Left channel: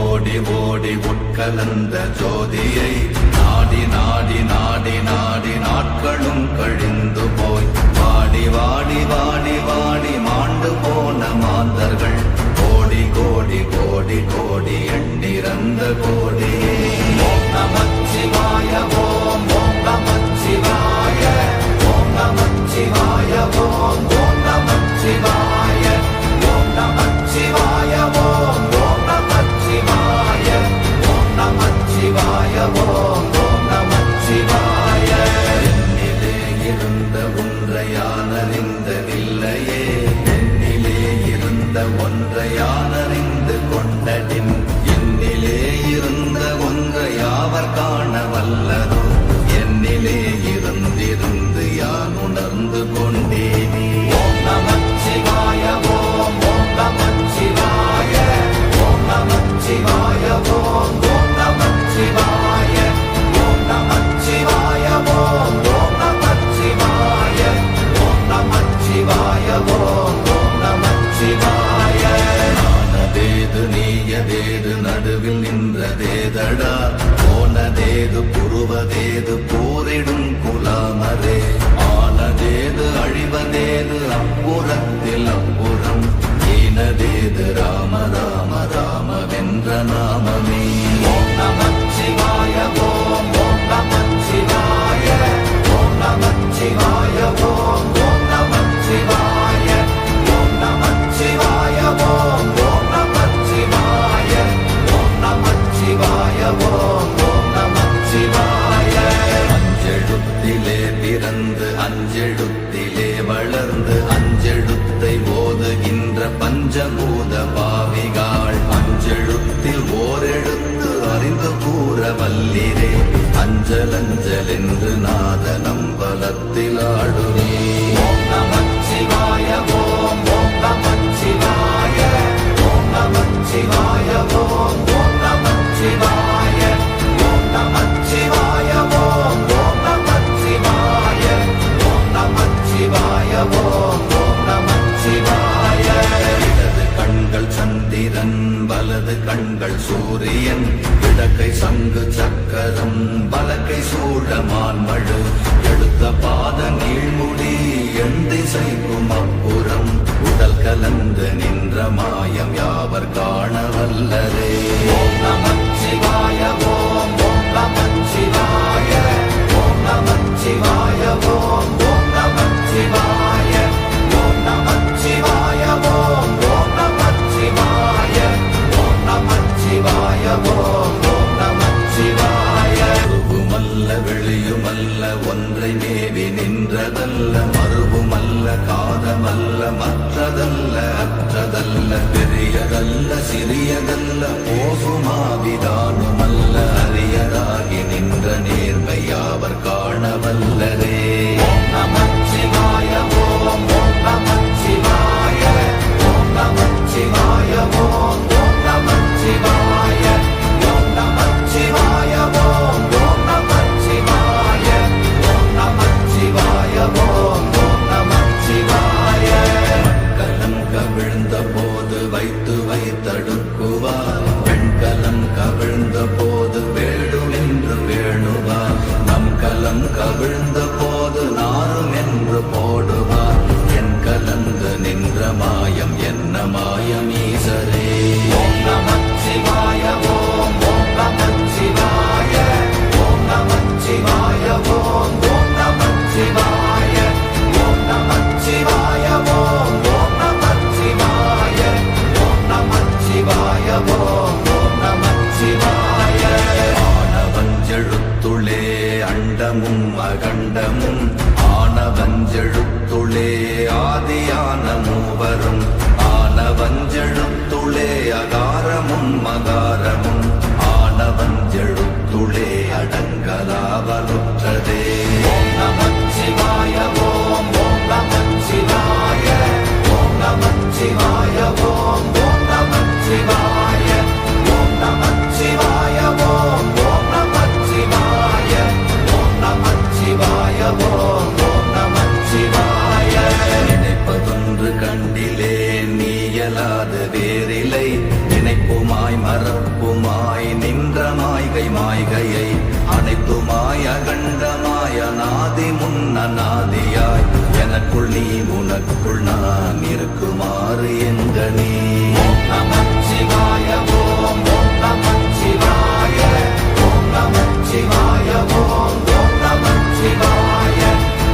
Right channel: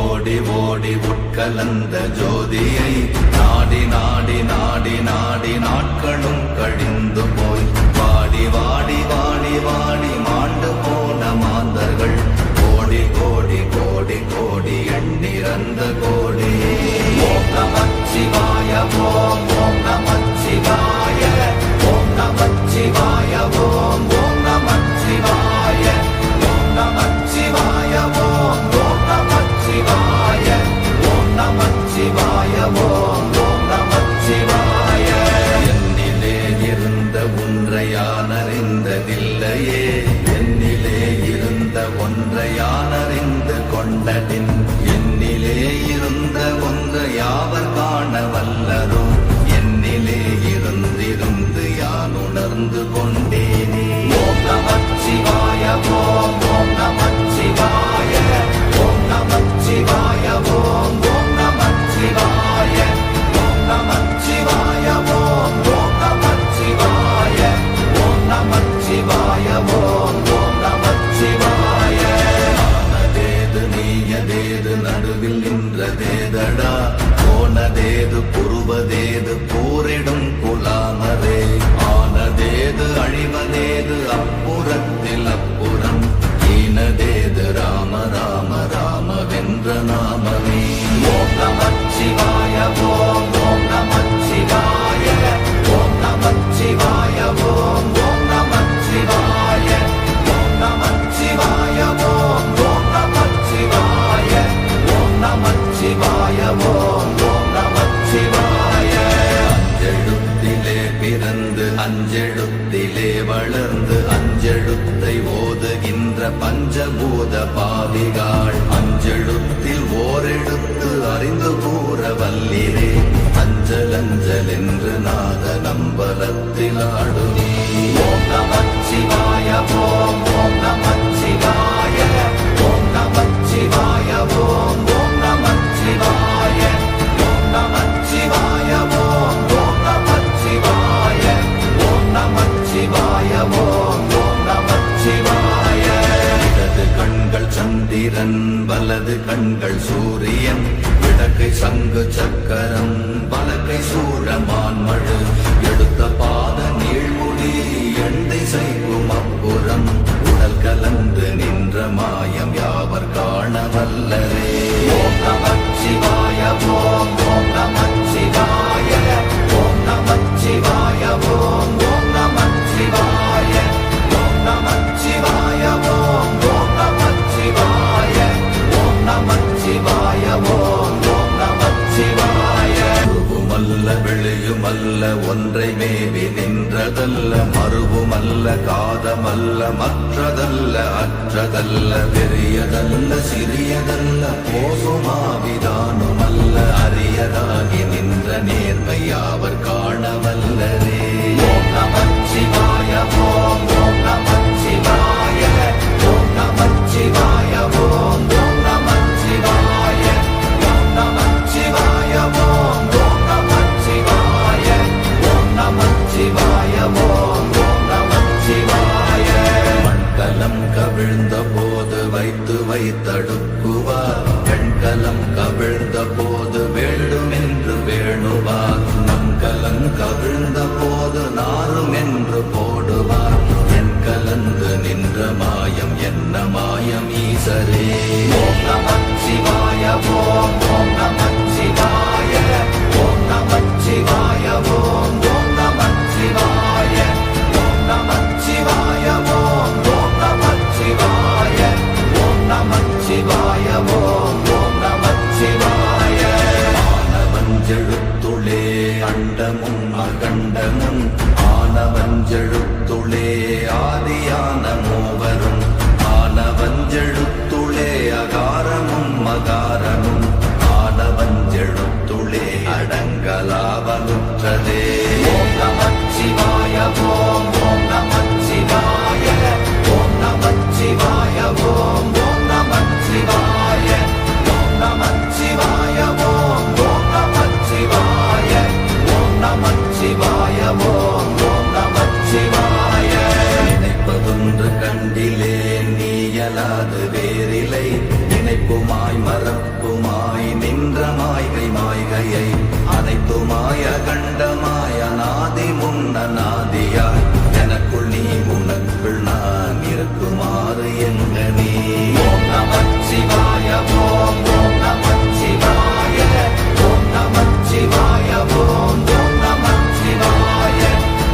ஓடி ஓடி உட்கலந்த ஜோதியை நாடி நாடி நாடி நாடி நாட்களும் கழிந்து போய் வாடி வாடி வாடி வாடி மாண்டு போன மாந்தர்கள் கோடி கோடி கோடி கோடி எண்ணிறந்த கோடி. ஓம் நமச்சிவாய ஓம் ஓம் நமச்சிவாய ஓம் நமச்சிவாய ஓம் ஓம் நமச்சிவாய ஓம் நமச்சிவாய ஓம் ஓம் நமச்சிவாய ஓம் நமச்சிவாய ஓம் ஓம் நமச்சிவாய. என்னிலே இருந்த ஒன்றை யான் அறிந்ததில்லையே, என்னிலே இருந்த ஒன்றை யான் அறிந்து கொண்டடின், என்னிலே இருந்த ஒன்றை யாவர் காண வல்லரோ, என்னிலே இருந்திருந்து யான் உணர்ந்து கொண்டேனே. ஓம் நமச்சிவாய ஓம் ஓம் நமச்சிவாய ஓம் நமச்சிவாய ஓம் ஓம் நமச்சிவாய ஓம் நமச்சிவாய ஓம் ஓம் நமச்சிவாய ஓம் நமச்சிவாய ஓம் ஓம் நமச்சிவாய. ஆனதேது நீயதேது நடுவில் நின்றதேதடா, போனதேது புருவதேது போரிடும் குலாமரே, ஆனதேது அழிவதேது அப்புறத்தில் அப்புறம், ஈனதேது ராம ராம ராம வென்ற நாமமே. ஓம் நமச்சிவாய ஓம் ஓம் நமச்சிவாய ஓம் நமச்சிவாய ஓம் ஓம் நமச்சிவாய ஓம் நமச்சிவாய ஓம் ஓம் நமச்சிவாய ஓம் நமச்சிவாய ஓம் ஓம் நமச்சிவாய. அஞ்செழுத்திலே பிறந்து அஞ்செழுத்திலே வளர்ந்து அஞ்செழுத்தை ஓதுகின்ற பஞ்சபூத பாவிகாள், அஞ்செழுத்தில் ஓரெழுத்து அறிந்து கூற வல்லிரே, அஞ்சல் அஞ்சல் என்று நாத நம்பலத்தில் ஆடுவே. ஓம் நமச்சிவாய ஓம் ஓம் நமச்சிவாய ஓம் நமச்சிவாய ஓம் ஓம் நமச்சிவாய ஓம் நமச்சிவாய ஓம் ஓம் நமச்சிவாய ஓம் நமச்சிவாய ஓம் ஓம் நமச்சிவாய. இடது கண்கள் சந்திரன் வலது கண்கள் சூரியன், இடக்கை சங்கு சக்கரம் வலக்கை சூழமான்மழு, எடுத்த பாத நீழ்முடி எண் திசைக்கும் அப்புறம், உடல் கலந்து நின்ற மாயம் யாவர் காண வல்லரே. ஓம் நமச்சிவாய ஓம் ஓம் நமச்சிவாய ஓம் நமச்சிவாய ஓம் ஓம் நமச்சிவாய ஓம் நமச்சிவாய ஓம் ஓம் நமச்சிவாய ஓம் நமச்சிவாய ஓம் ஓம் நமச்சிவாய. உருவுமல்ல வெளியுமல்ல ஒன்றை மேவி நின்றதல்ல, மறுவுமல்ல காதமல்ல மற்றதல்ல அற்றதல்ல, பெரியதல்ல சிறியதல்ல போகுமாவிதானுமல்ல, அரியதாகி நின்ற நேர்மை யாவர் காண வல்லரே. ஓம் நமச்சிவாய ஓம் ஓம் நமச்சிவாய ஓம் நமச்சிவாய ஓம் ஓம் நமச்சிவாய ஓம் நமச்சிவாய ஓம் ஓம் நமச்சிவாய ஓம் நமச்சிவாய ஓம் ஓம் நமச்சிவாய. மண்கலம் கவிழ்ந்த போது வைத்து வைத்தடுக்குவார், பெண்கலம் கவிழ்ந்த போது வேடும் என்று வேணுவார், நம் கலம் கவிழ்ந்த போது நாரும் என்று போடுவார், என் கலந்து நின்ற மாயம் என்ன மாயம் ஈசரே. ஓம் நமச்சிவாய ஓம் ஓம் நமச்சிவாய ஓம் நமச்சிவாய ஓம் ஓம் நமச்சிவாய ஓம் நமச்சிவாய ஓம் ஓம் நமச்சிவாய ஓம் நமச்சிவாய ஓம் ஓம் நமச்சிவாய. ஆனவஞ்செழுத்துளே அண்டமும் அகண்டமும், ஆனவஞ்செழுத்துளே ஆதியான மூவரும், ஆனவஞ்செழுத்துளே அகாரமும் மகாரமும், ஆனவஞ்செழுத்துளே அடங்கலாவலுற்றதே. ஓம் நமச்சிவாய ஓம் ஓம் நமச்சிவாய ஓம் நமச்சிவாய ஓம் ஓம் நமச்சிவாய ஓம் நமச்சிவாய ஓம் ஓம் நமச்சிவாய ஓம் நமச்சிவாய ஓம் ஓம் நமச்சிவாய. நினைப்பதொன்று கண்டிலே நீயலாது வேறில்லை, நினைப்புமாய் மறப்ப மாய்கையை அனைத்துமாய கண்டமாய நாதி முன்னாதியாய் எனக்குள் நீ உனக்குள் நான் இருக்குமாறு எங்க நீ ஓம் நமச்சிவாய ஓம் நமச்சிவாய ஓம் நமச்சிவாய ஓம் நமச்சிவாய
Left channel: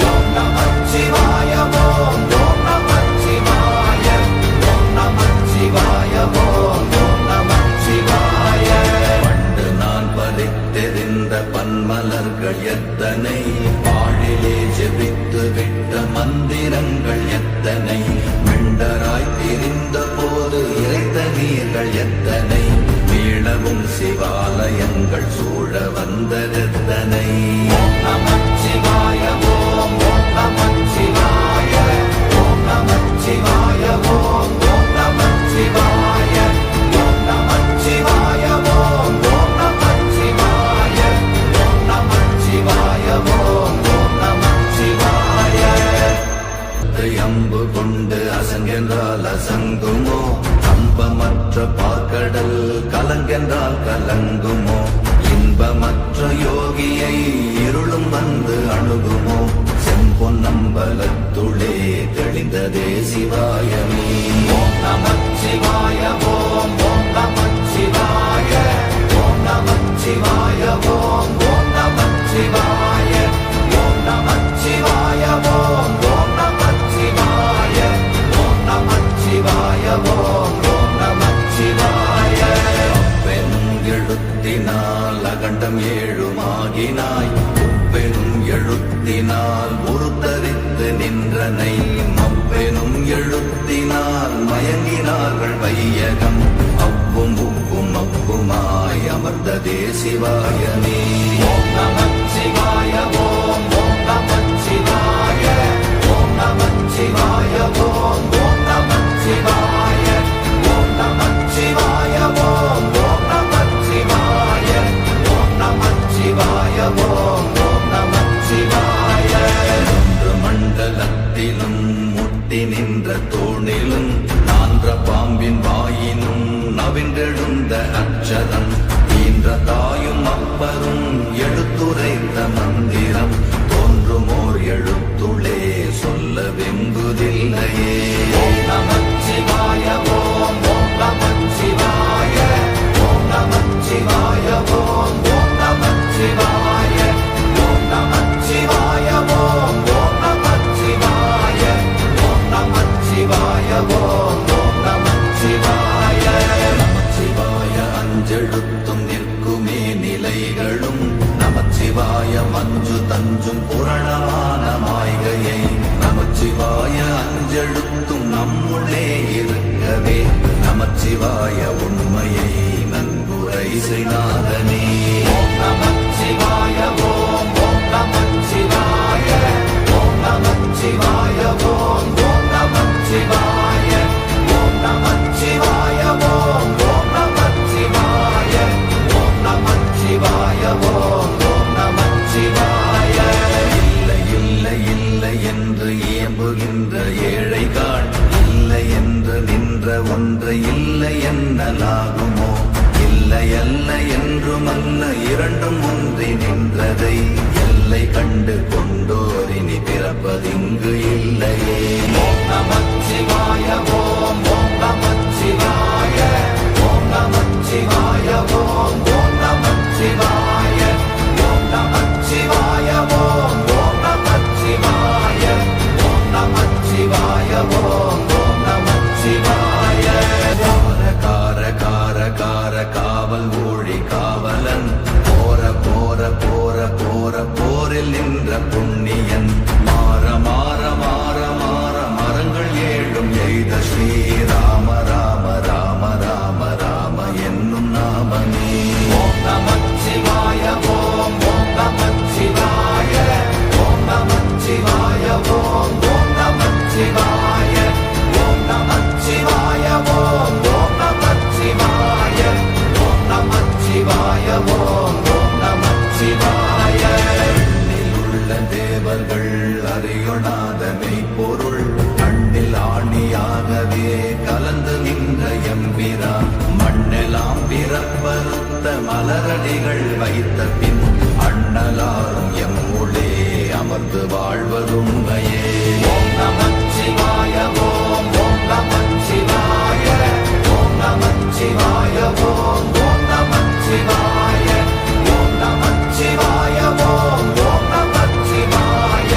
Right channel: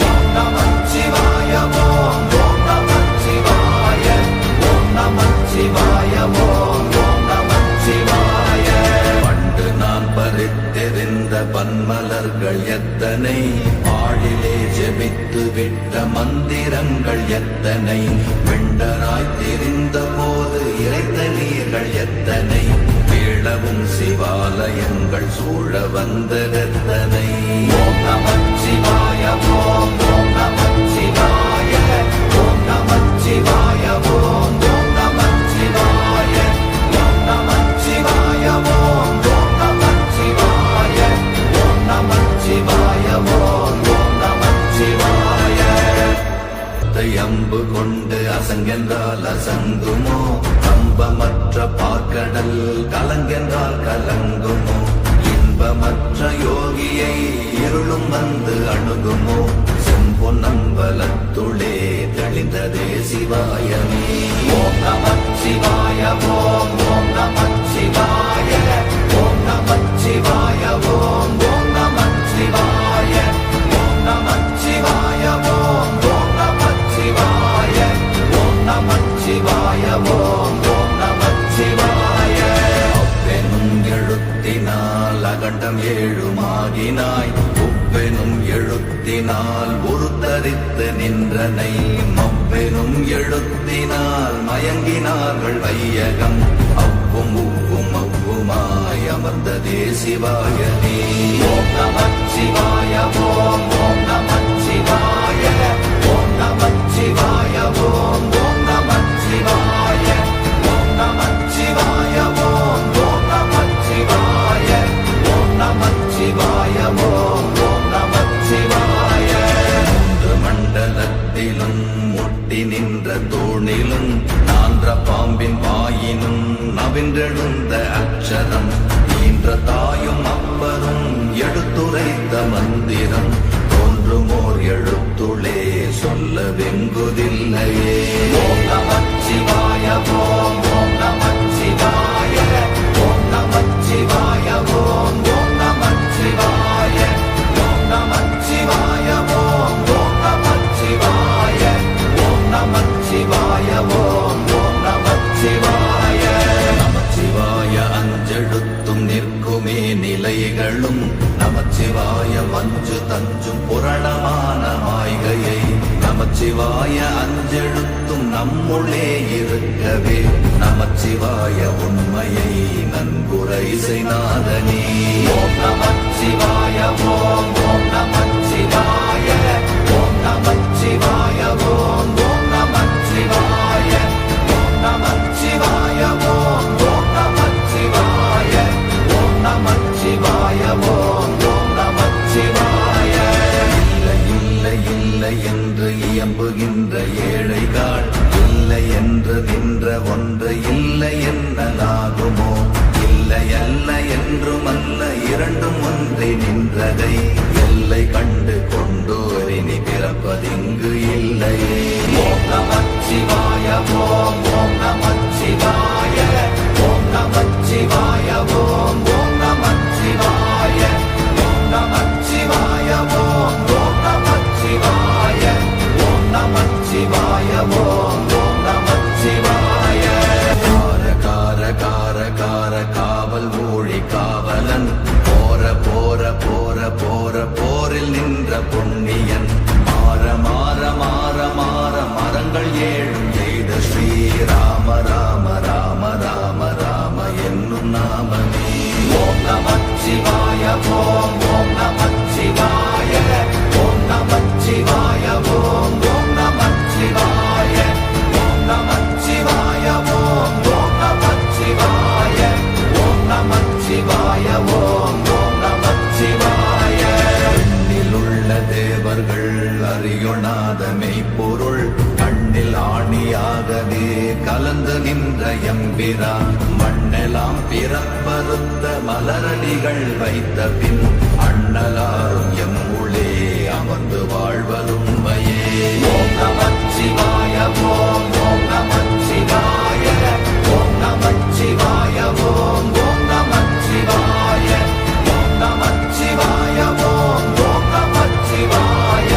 ஓம் நமச்சிவாய ஓம் நமச்சிவாய ஓம் நமச்சிவாய ஓம் நமச்சிவாய பண்டு நான் பறித்தெறிந்த பன்மலர்கள் எத்தனை பாழிலே ஜெபித்து விட்ட மந்திரங்கள் எத்தனை வெண்டராய் தெரிந்த போது இறைத்த நீர்கள் எத்தனை வீழவும் சிவாலயங்கள் சூழ வந்ததெத்தனை ஓம் நமச்சிவாய ஓம் நமச்சிவாய ஓம் நமச்சிவாய ஓம் நமச்சிவாய ஓம் நமச்சிவாய ஓம் நமச்சிவாய ஓம் நமச்சிவாய ஓம் நமச்சிவாய அம்பு கொண்டு அசங்கென்றால் அசங்குமோ கம்பமற்ற பாக்கடல் கலங்கென்றால் கலங்குமோ இன்பமற்ற யோகியை இருளும் வந்து அணுகுமோ செம்பொன்னம்பலத்துளே தெளிந்ததே சிவாயமே ஓம் நமச்சிவாய ஓம் நமச்சிவாய ஓம் நமச்சிவாய ஓம் நமச்சிவாய ஓம் நமச்சிவாய ஓம் நமச்சிவாய ஓம் நமச்சிவாய ஓம் நமச்சிவாய அப்பெனும் எழுத்தினால் அகண்டம் ஏழுமாகினாய் உப்பெனும் எழுத்தினால் உருத்தரித்து நின்றனை மப்பெனும் எழுத்தினால் மயங்கினார்கள் வையகம் அவ்வும் உவ்வும் அவ்வுமாய் அமர்ந்ததே சிவாயமே ஓம் நமச்சிவாய ஓம் நமச்சிவாய ஓம் நமச்சிவாய ஓம் நமச்சிவாய ஓம் நமச்சிவாய ஓம் நமச்சிவாய ஓம் நமச்சிவாய ஓம் நமச்சிவாய மூன்று மண்டலத்திலும் முட்டி நின்ற தூணிலும் நான்ற பாம்பின் வாயினும் நவின்றெழுந்த அக்ஷரம் ஈன்ற தாயும் அப்பரும் எடுத்துரைத்த மந்திரம் தோன்றுமோர் எழுத்துளே சொல்ல வெங்குதில்லையே ஓம் நமச்சிவாய ஓம் நமச்சிவாய ஓம் நமச்சிவாய ஓம் நமச்சிவாய ஓம் நமச்சிவாய ஓம் நமச்சிவாய ஓம் நமச்சிவாய ஓம் நமச்சிவாய நமச்சிவாய அஞ்செழுத்தும் நிற்குமே நிலைகளும் நமச்சிவாய மஞ்சு தஞ்சும் புரணமான மாய்கையை நமச்சிவாய அஞ்செழுத்தும் நம்முள்ளே இருக்கவே நமச்சிவாய உண்மையை நன்குரை செய்தாதனே ஓம் நமச்சிவாய ஓம் நமச்சிவாய ஓம் நமச்சிவாய ஓம் நமச்சிவாய ஓம் நமச்சிவாய ஓம் நமச்சிவாய ஓம் நமச்சிவாய ஓம் நமச்சிவாய இல்லை இல்லை இல்லை என்று இயம்புகின்ற ஏழைகள் இல்லை என்று நின்ற ஒன்று இல்லை என்னலாகுமோ இல்லை அல்ல என்றுமல்ல இரண்டும் ஒன்றி நின்றதை எல்லை கண்டு கொண்டோரினி பிறப்பதிங்கு இல்லையே ஓம் நமச்சிவாய ஓம் நமச்சிவாய ஓம் நமச்சிவாய ஓம் நமச்சிவாய ஓம் நமச்சிவாய ஓம் நமச்சிவாய ஓம் நமச்சிவாய ஓம் நமச்சிவாய கார கார கார கார காவல் மொழி காவலன் போர போர போர போர போரில் நின்ற புண்ணியன் மாற மாற மாற மாற மரங்கள் ஏழும் எய்த ஸ்ரீராம ராம ராம ராம ராம என்னும் நாமமே ஓம் நமச்சிவாய ஓம் நமச்சிவாய ஓம் நமச்சிவாய ஓம் நமச்சிவாய ஓம் நமச்சிவாய ஓம் நமச்சிவாய ஓம் நமச்சிவாய ஓம் நமச்சிவாய எண்ணிலுள்ள தேவர்கள் அறியொணாத மெய்ப்பொருள் மண்ணில் ஆணியாகவே கலந்து நின்ற எம்பிரா மண்ணெல்லாம் பிறப்பறுத்த மலரடிகள் வைத்த பின் அண்ணலாரும் எம்முளே அமர்ந்து வாழ்வதுண்மையே. ஓம் நமச்சிவாய ஓம் ஓம் நமச்சிவாய ஓம் நமச்சிவாய ஓம் ஓம் நமச்சிவாய ஓம் நமச்சிவாய ஓம் ஓம் நமச்சிவாய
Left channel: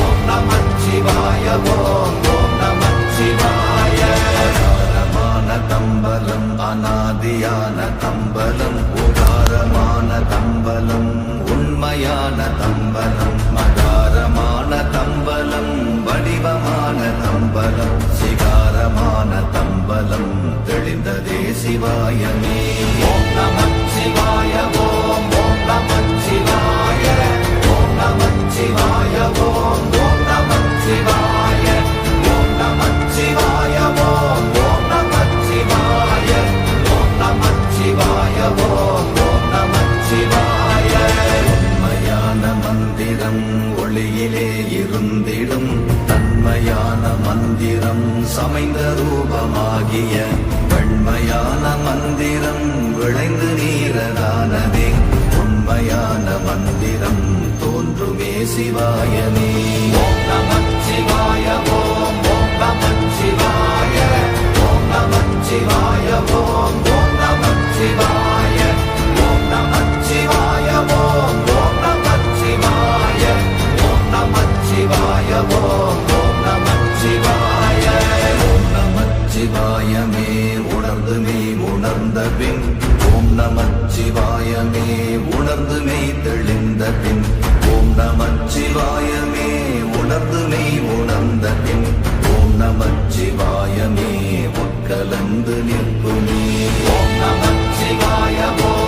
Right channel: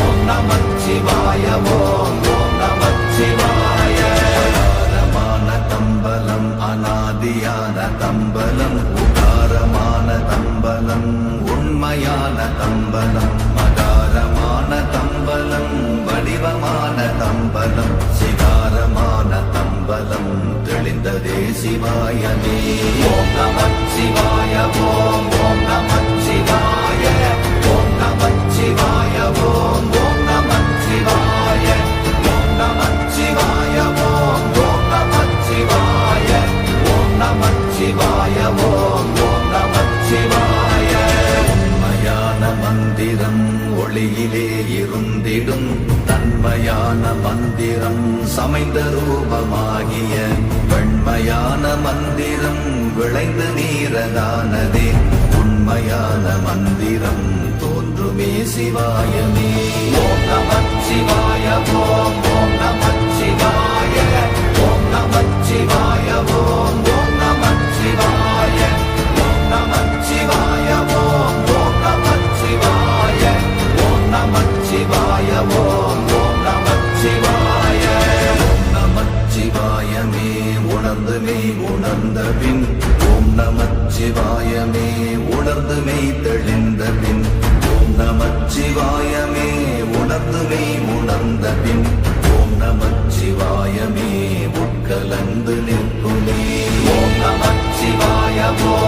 ஓம் நமச்சிவாய ஓம் ஓம் நமச்சிவாய. அகாரமான தம்பலம் அநாதியான தம்பலம் உகாரமான தம்பலம் உண்மையான தம்பலம் மகாரமான தம்பலம் வடிவமான தம்பலம் சிகாரமான தம்பலம் தெளிந்ததே சிவாயமே. ஓம் நமச்சிவாய ஓம் ஓம் நமச்சிவாய ஓம் நமச்சிவாய ஓம் ஓம் நமச்சிவாய ஓம் நமச்சிவாய ஓம் ஓம் நமச்சிவாய ஓம் நமச்சிவாய ஓம் ஓம் நமச்சிவாய. உண்மையான மந்திரம் ஒளியிலே இருந்திடும் தன்மையான மந்திரம் சமைந்த ரூபமாகிய வெண்மையான மந்திரம் விளைந்து நீரதானதே உண்மையான மந்திரம் தோன்றுமே சிவாயமே. ஓம் நமச்சிவாய ஓம் ஓம் நமச்சிவாய ஓம் நமச்சிவாய ஓம் ஓம் நமச்சிவாய ஓம் நமச்சிவாய ஓம் ஓம் நமச்சிவாய ஓம் நமச்சிவாய ஓம் ஓம் நமச்சிவாய. ஓம் நமச்சிவாயமே உணர்ந்து மெய் உணர்ந்த பின் ஓம் நமச்சிவாயமே உணர்ந்து மெய் தெளிந்த பின் ஓம் நமச்சிவாயமே உணர்ந்து மெய் உணர்ந்த பின் ஓம் நமச்சிவாயமே உட்கலந்து நிற்குமே. ஓம் நமச்சிவாய ஓம்